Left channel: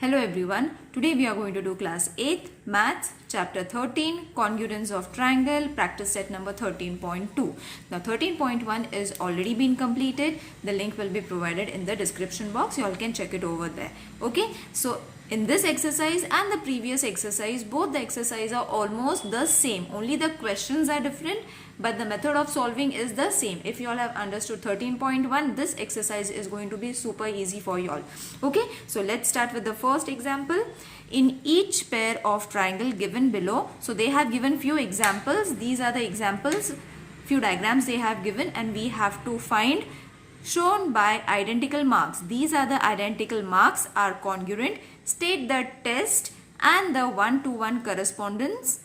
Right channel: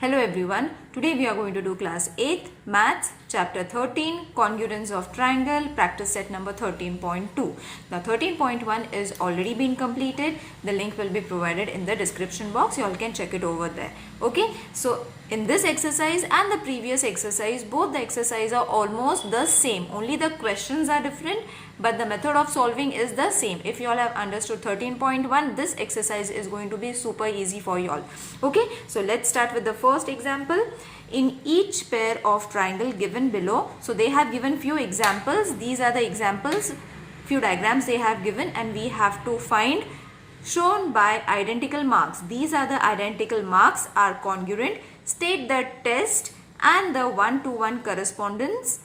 Hello everyone, today we are going to do class 8th maths chapter 13 congruence of triangle practice set number 13.2. Now 13.1 is already been completed. The link will be provided in the description box. You all can check it over there. Okay, so in this exercise and the previous exercise, both the exercises are almost the same. Only the questions are different, but the method of solving is the same. If you all have understood 13.1, this exercise is going to be super easy for you all. Okay, so let's start with the first example. In each pair of triangle given below, so they have given few examples. These are the examples, few diagrams they have given, and we have to find shown by identical marks. These are the identical marks are congruent. State the test and the one-to-one correspondence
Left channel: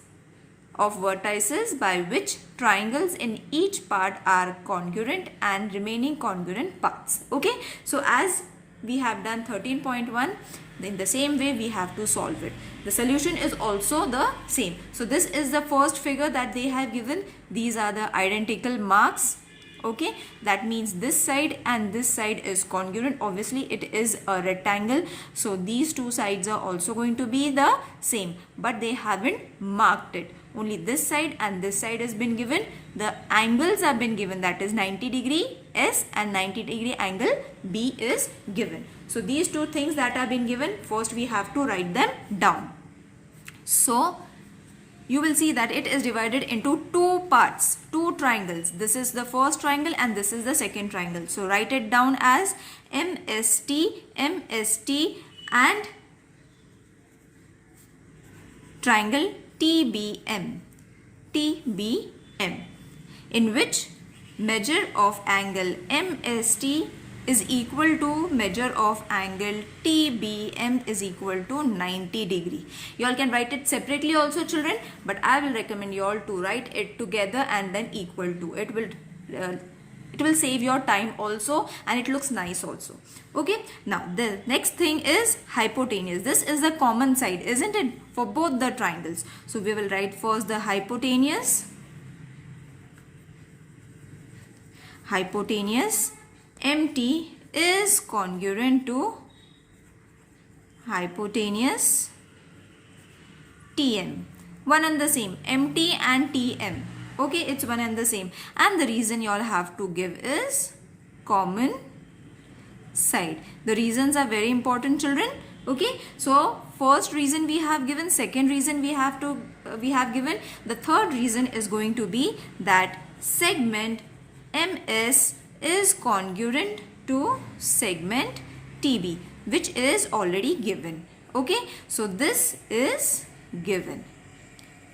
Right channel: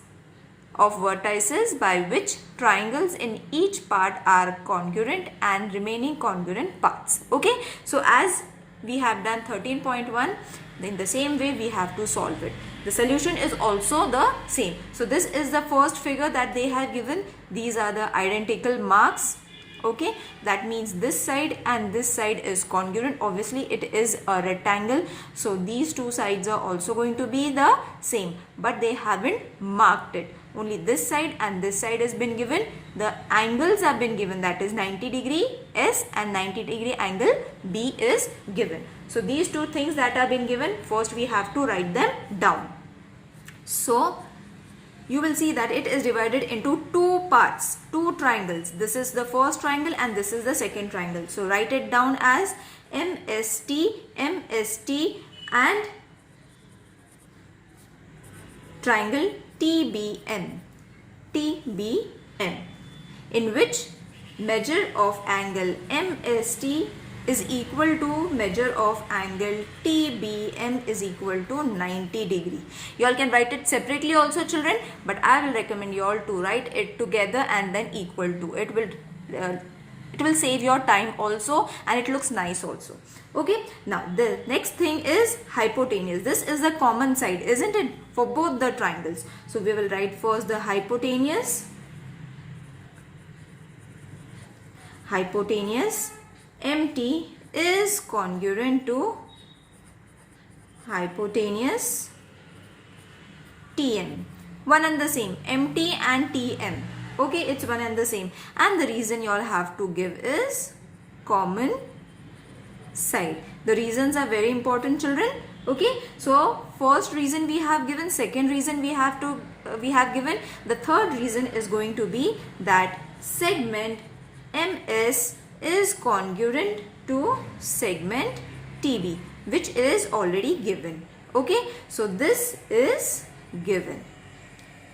of vertices by which triangles in each part are congruent and remaining congruent parts. Okay, so as we have done 13.1, in the same way we have to solve it. The solution is also the same. So this is the first figure that they have given. These are the identical marks. Okay, that means this side and this side is congruent. Obviously it is a rectangle, so these two sides are also going to be the same, but they haven't marked it. Only this side and this side has been given. The angles have been given, that is 90 degree S and 90 degree angle B is given. So these two things that have been given, first we have to write them down. So you will see that it is divided into two parts, two triangles. This is the first triangle and this is the second triangle. So write it down as MST, MST and triangle TBM, TBM, in which measure of angle MST is equal to measure of angle TBM is equal to 90 degree. You all can write it separately also, children, but I will recommend you all to write it together and then equal to. It will save your time also and it looks nice also. Okay, now the next thing is hypotenuse. This is the common side, isn't it, for both the triangles. So we will write first the hypotenuse. Hypotenuse MT is congruent to hypotenuse TM. One and the same, MT and TM. Okay, it's one and the same. And the reason you all have to give is common side. The reasons are very important, children. Okay, so first reason we have given, second reason we have given, the third reason is going to be that segment MS is congruent to segment TB, which is already given. Okay, so this is given.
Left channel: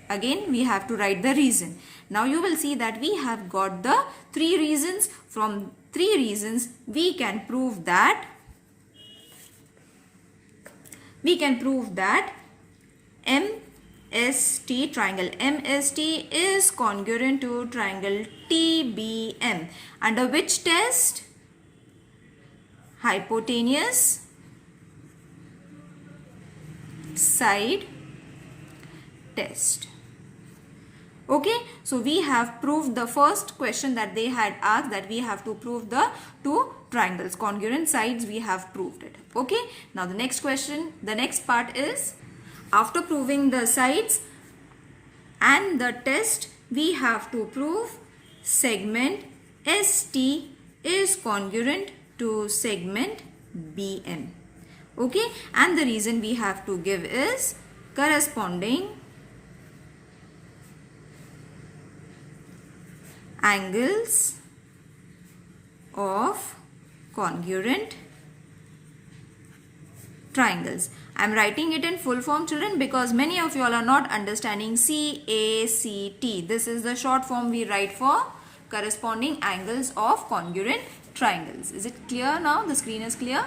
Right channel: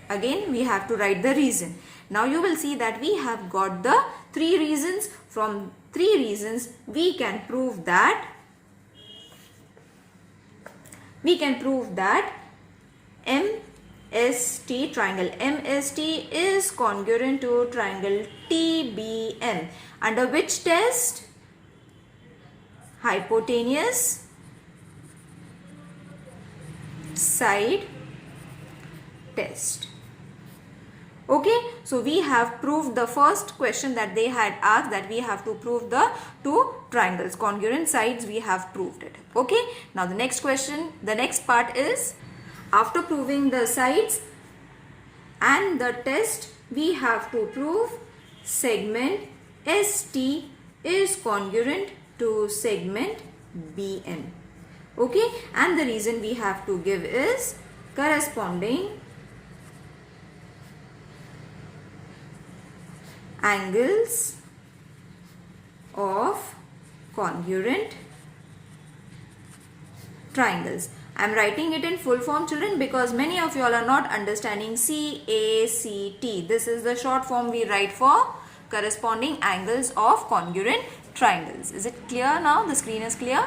Again we have to write the reason. Now you will see that we have got the three reasons. From three reasons we can prove that MST, triangle MST is congruent to triangle TBM. Under which test? Hypotenuse side test. Okay, so we have proved the first question that they had asked, that we have to prove the two triangles, congruent sides. We have proved it. Okay, now the next question, the next part is, after proving the sides and the test, we have to prove segment ST is congruent to segment BM. Okay, and the reason we have to give is corresponding angles of congruent triangles. I am writing it in full form, children, because many of you all are not understanding CACT. This is the short form we write for corresponding angles of congruent triangles. Is it clear now? The screen is clear?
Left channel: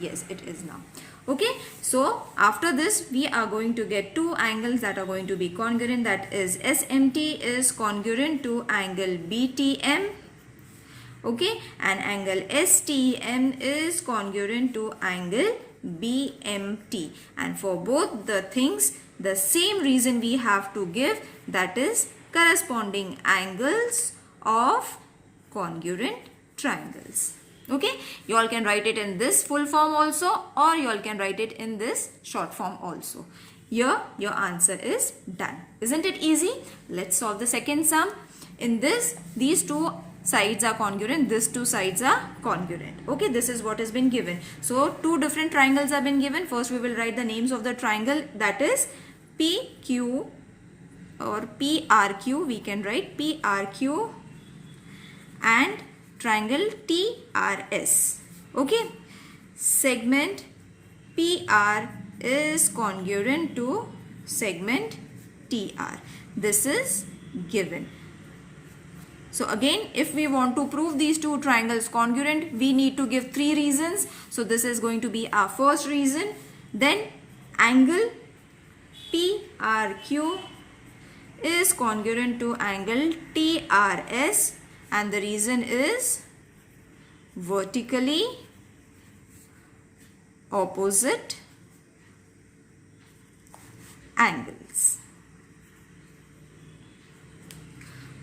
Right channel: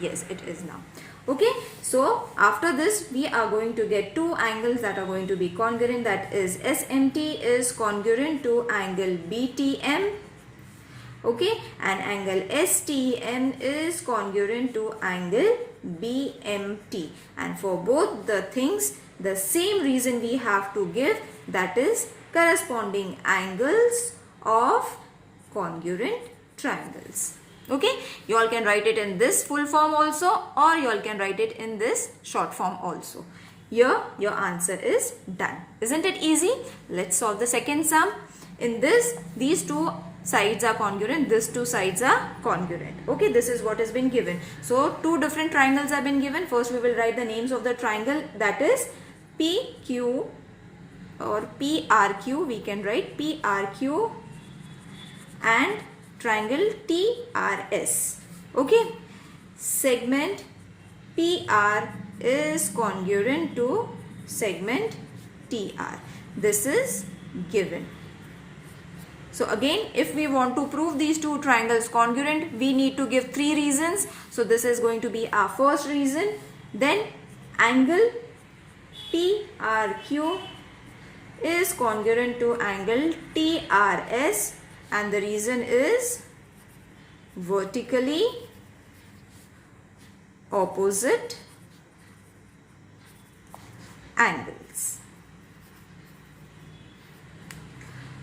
Yes, it is now. Okay, so after this we are going to get two angles that are going to be congruent, that is SMT is congruent to angle BTM. Okay, and angle STM is congruent to angle BMT. And for both the things, the same reason we have to give, that is corresponding angles of congruent triangles. Okay, you all can write it in this full form also, or you all can write it in this short form also. Here your answer is done. Isn't it easy? Let's solve the second sum. In this, these two sides are congruent, these two sides are congruent. Okay, this is what has been given. So two different triangles have been given. First we will write the names of the triangle, that is PQ or PRQ. We can write PRQ and triangle TRS. Okay, segment PR is congruent to segment TR. This is given. So again, if we want to prove these two triangles congruent, we need to give three reasons. So this is going to be our first reason. Then angle PRQ is congruent to angle TRS, and the reason is vertically opposite angles.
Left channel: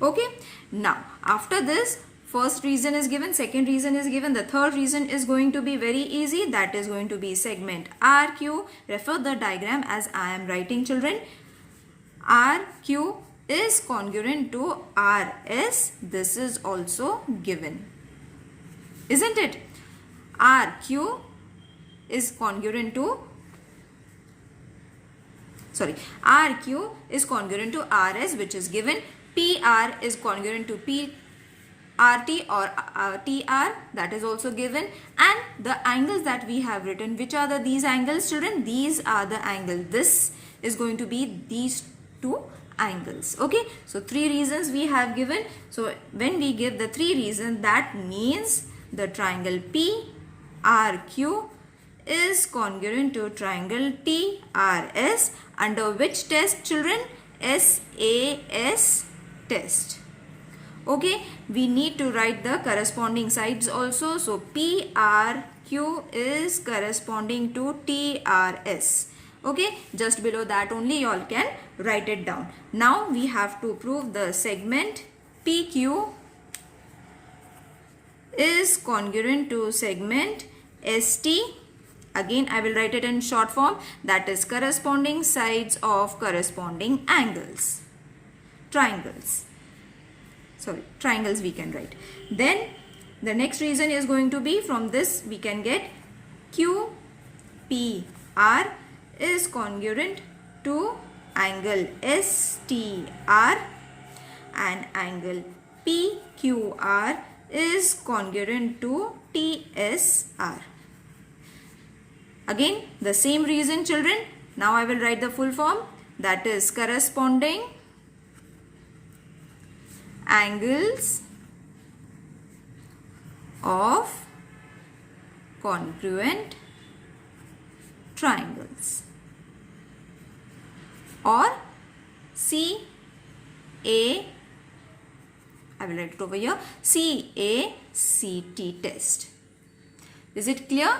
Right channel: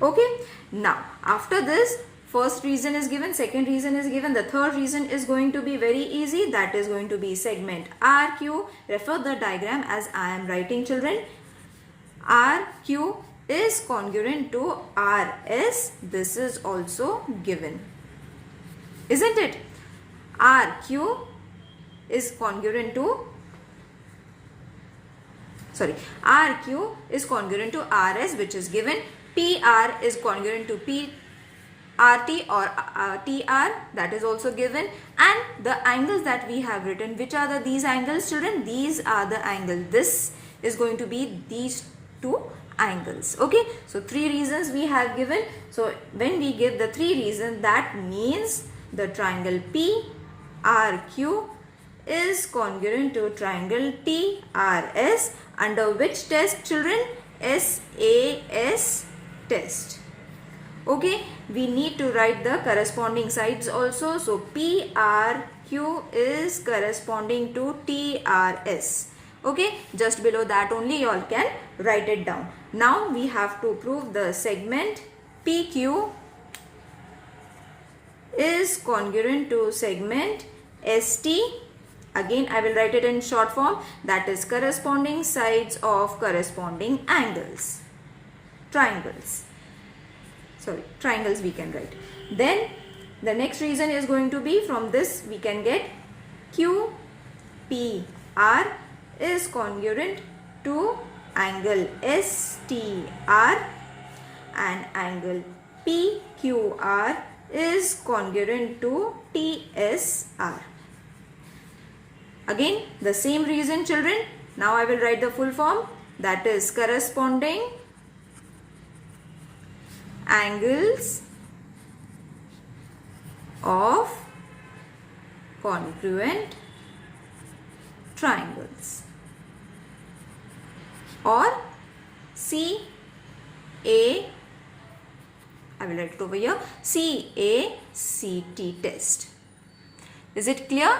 Okay, now after this, first reason is given, second reason is given, the third reason is going to be very easy. That is going to be segment RQ. Refer the diagram as I am writing, children. RQ is congruent to RS. This is also given, isn't it? RQ is congruent to RQ is congruent to RS, which is given. PR is congruent to RT or TR, that is also given. And the angles that we have written, which are these angles, children? These are the angles. This is going to be these two angles. Okay, so three reasons we have given. So when we give the three reasons, that means the triangle PRQ is congruent to triangle TRS under which test, children? SAS test. Okay, we need to write the corresponding sides also. So PRQ is corresponding to TRS. Okay, just below that only you all can write it down. Now we have to prove the segment PQ is congruent to segment ST. Again, I will write it in short form, that is corresponding sides of corresponding angles. Triangles we can write. Then the next reason is going to be, from this we can get QPR is congruent to angle STR and angle PQR is congruent to TSR. Again, the same reason, children. Now I will write the full form, that is corresponding angles of congruent triangles, or CA, I will write it over here, CACT test. Is it clear?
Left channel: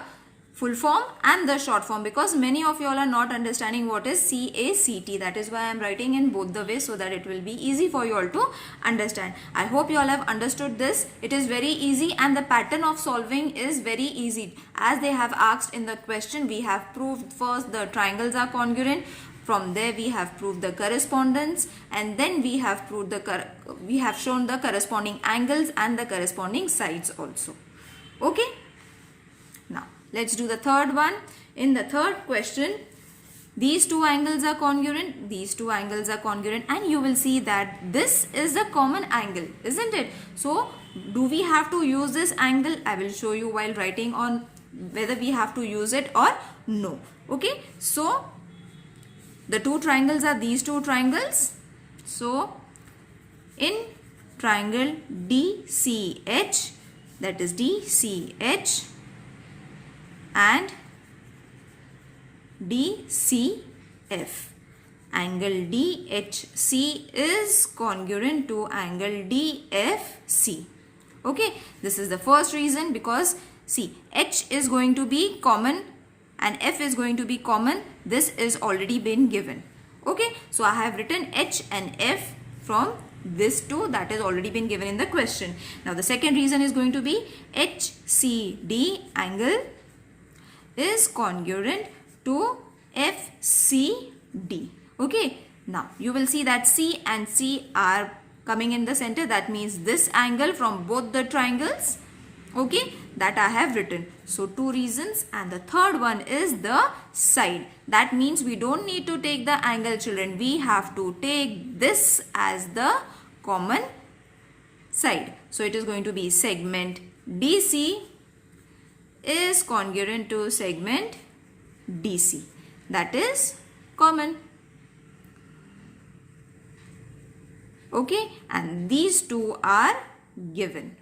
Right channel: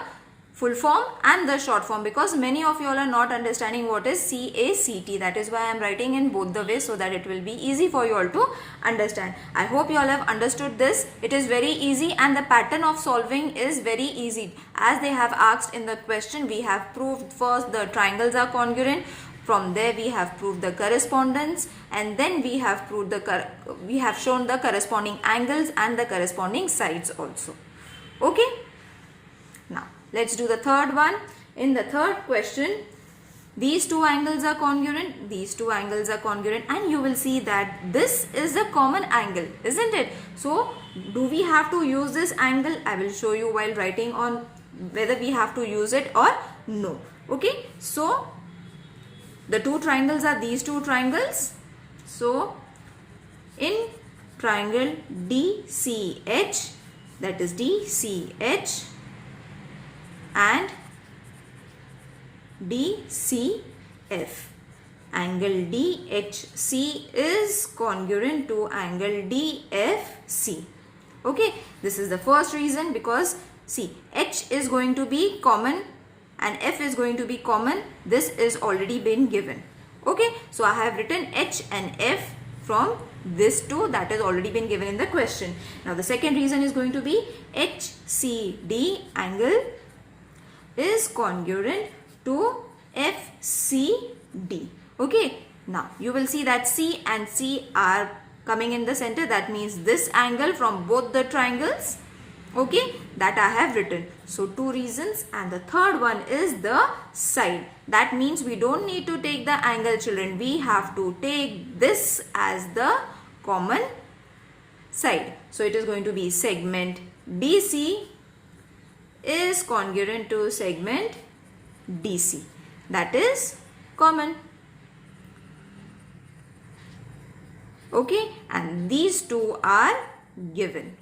Full form and the short form, because many of you all are not understanding what is CACT. That is why I am writing in both the ways, so that it will be easy for you all to understand. I hope you all have understood this. It is very easy and the pattern of solving is very easy. As they have asked in the question, we have proved first the triangles are congruent. From there we have proved the correspondence, and then we have proved we have shown the corresponding angles and the corresponding sides also. Okay. Now let's do the third one. In the third question, these two angles are congruent, these two angles are congruent, and you will see that this is the common angle, isn't it? So do we have to use this angle? I will show you while writing on whether we have to use it or no. Okay, so the two triangles are these two triangles. So in triangle DCH, that is DCH and DCF, angle DHC is congruent to angle DFC. Okay, this is the first reason, because see, H is going to be common and F is going to be common. This is already been given. Okay, so I have written H and F from This 2 that has already been given in the question. Now the second reason is going to be HCD angle is congruent to FCD. Okay. Now you will see that C and C are coming in the center. That means this angle from both the triangles. Okay, that I have written. So 2 reasons, and the third one is the side. That means we don't need to take the angle, children. We have to take this as the common side. So it is going to be segment DC is congruent to segment DC. That is common. Okay, and these two are given.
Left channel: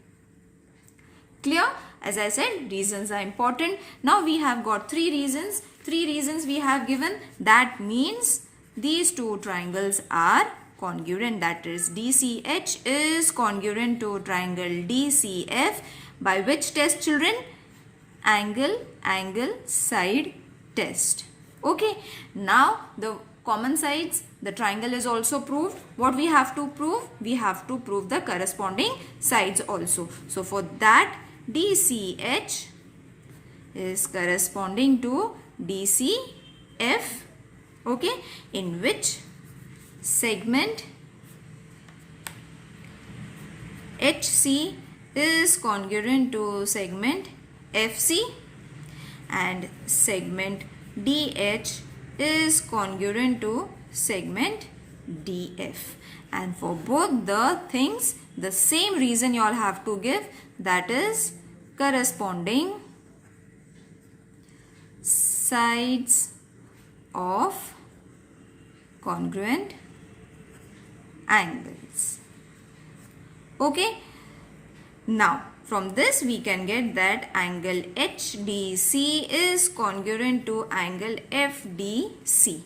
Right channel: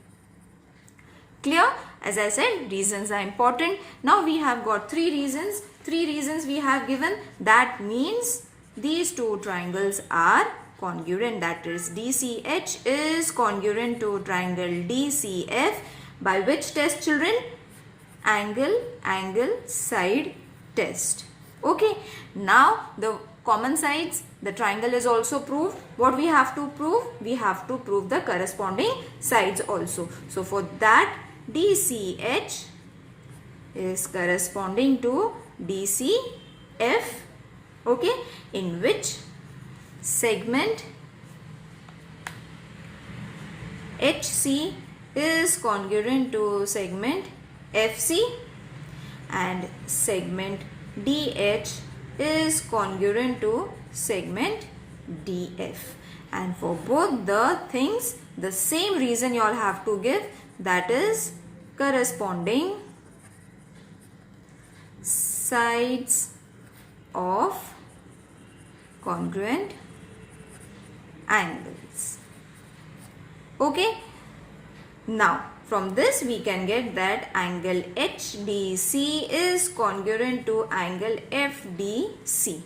Clear? As I said, reasons are important. Now we have got 3 reasons. 3 reasons we have given. That means these two triangles are congruent. That is DCH is congruent to triangle DCF. By which test, children? Angle, side test. Okay. Now the common sides, the triangle is also proved. What we have to prove? We have to prove the corresponding sides also. So for that, DCH is corresponding to DCF. Okay. In which segment HC is congruent to segment FC, and segment DH is congruent to segment DF. And for both the things, the same reason you all have to give, that is corresponding sides of congruent angles. Okay. Now from this we can get that angle HDC is congruent to angle FDC,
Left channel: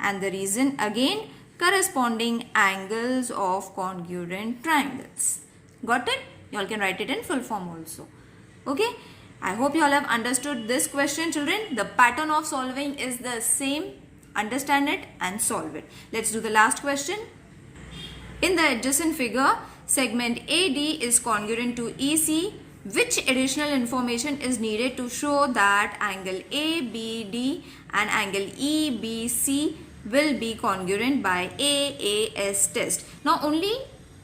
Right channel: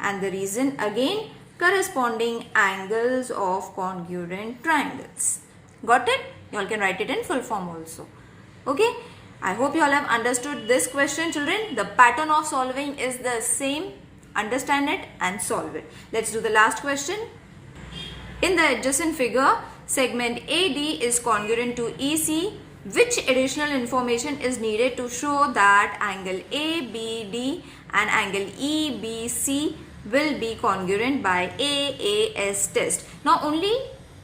and the reason again, corresponding angles of congruent triangles. Got it? You all can write it in full form also. Okay. I hope you all have understood this question, children. The pattern of solving is the same. Understand it and solve it. Let's do the last question. In the adjacent figure, segment AD is congruent to EC. Which additional information is needed to show that angle ABD and angle EBC will be congruent by AAS test? Now only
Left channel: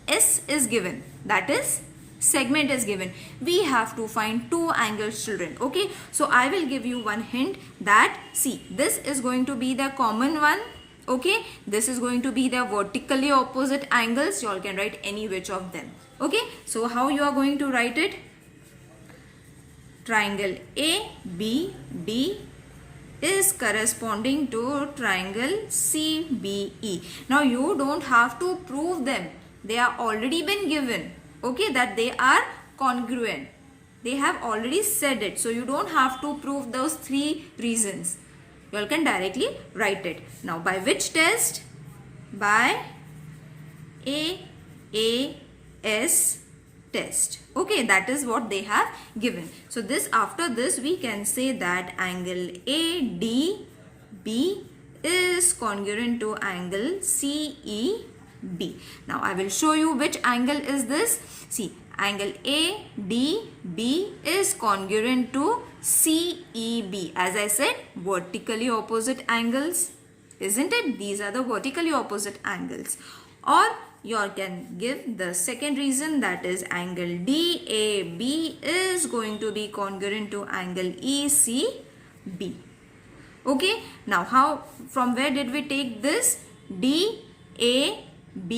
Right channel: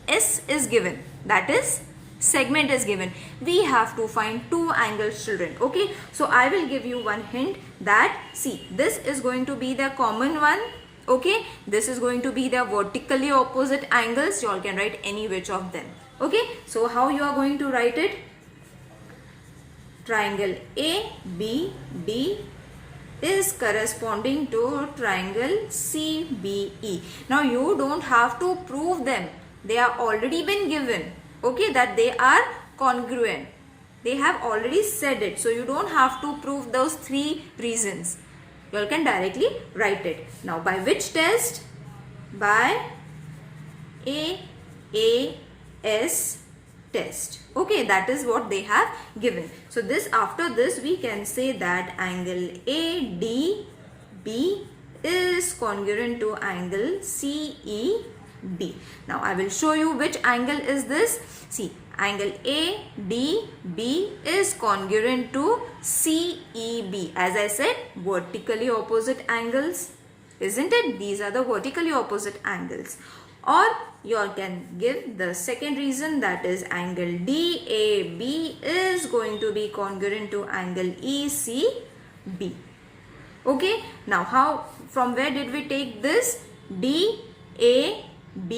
S is given, that is segment is given. We have to find 2 angles, children. Okay, so I will give you one hint that, see, this is going to be the common one. Okay, this is going to be the vertically opposite angles. You all can write any which of them. Okay, so how you are going to write it? Triangle ABD is corresponding to triangle CBE. Now you don't have to prove them. They are already been given. Okay, that they are congruent. They have already said it. So you don't have to prove those 3 reasons. You all can directly write it. Now by which test? By AAS test. Okay, that is what they have given. So this, after this we can say that angle ADB is congruent to angle CEB. Now I will show you which angle is this. See, angle ADB is congruent to CEB. As I said, vertically opposite angles, isn't it? These are the vertically opposite angles. Or you all can give the second reason, that is angle DAB is going to be congruent to angle ECB. Okay, now how, from where did we take this? DAB,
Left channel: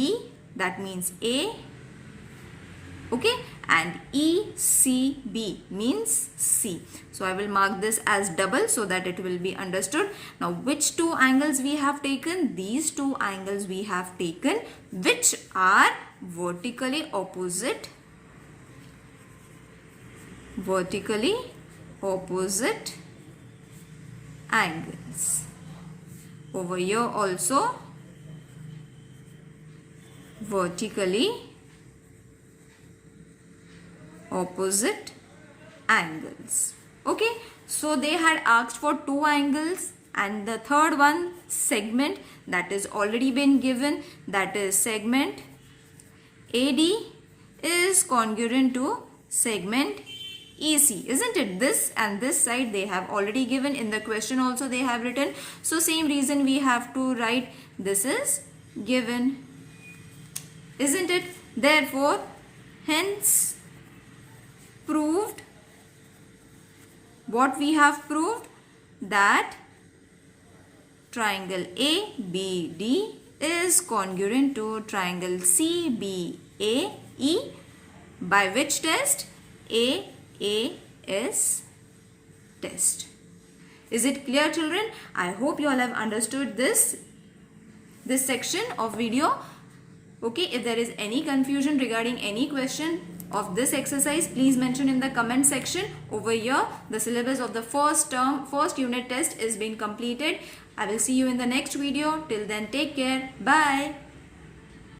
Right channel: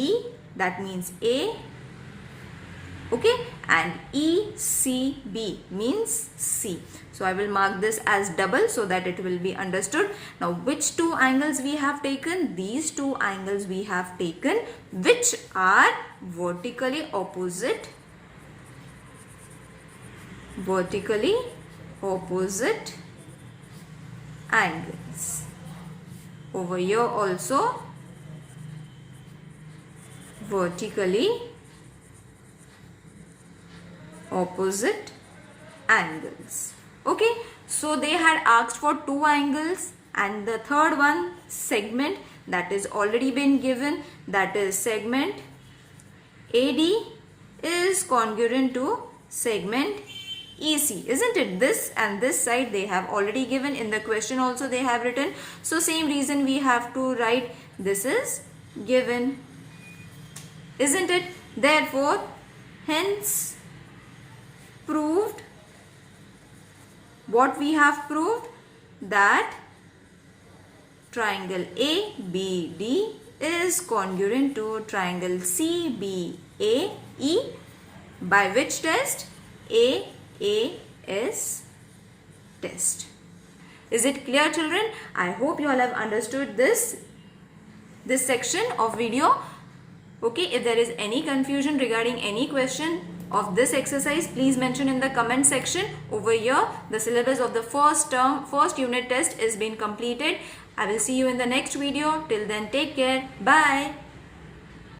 that means A. Okay, and ECB means C. So I will mark this as double so that it will be understood. Now which 2 angles we have taken? These 2 angles we have taken, which are vertically opposite angles. Over here also vertically opposite angles. Okay, so they had asked for 2 angles, and the third one, segment, that is already been given, that is segment AD is congruent to segment EC, isn't it? This and this side they have already given in the question also they have written. So same reason we have to write this is given, isn't it? Therefore, hence proved, what we have proved, that triangle ABD is congruent to triangle CBAE by which test? AAS test. Is it clear, children? I hope you all have understood this section of video. Okay, if there is any confusion regarding any question of this exercise, please mention in the comment section. Over here, the syllabus of the first unit test is being completed. I will see you in the next video. Till then, take care. Bye.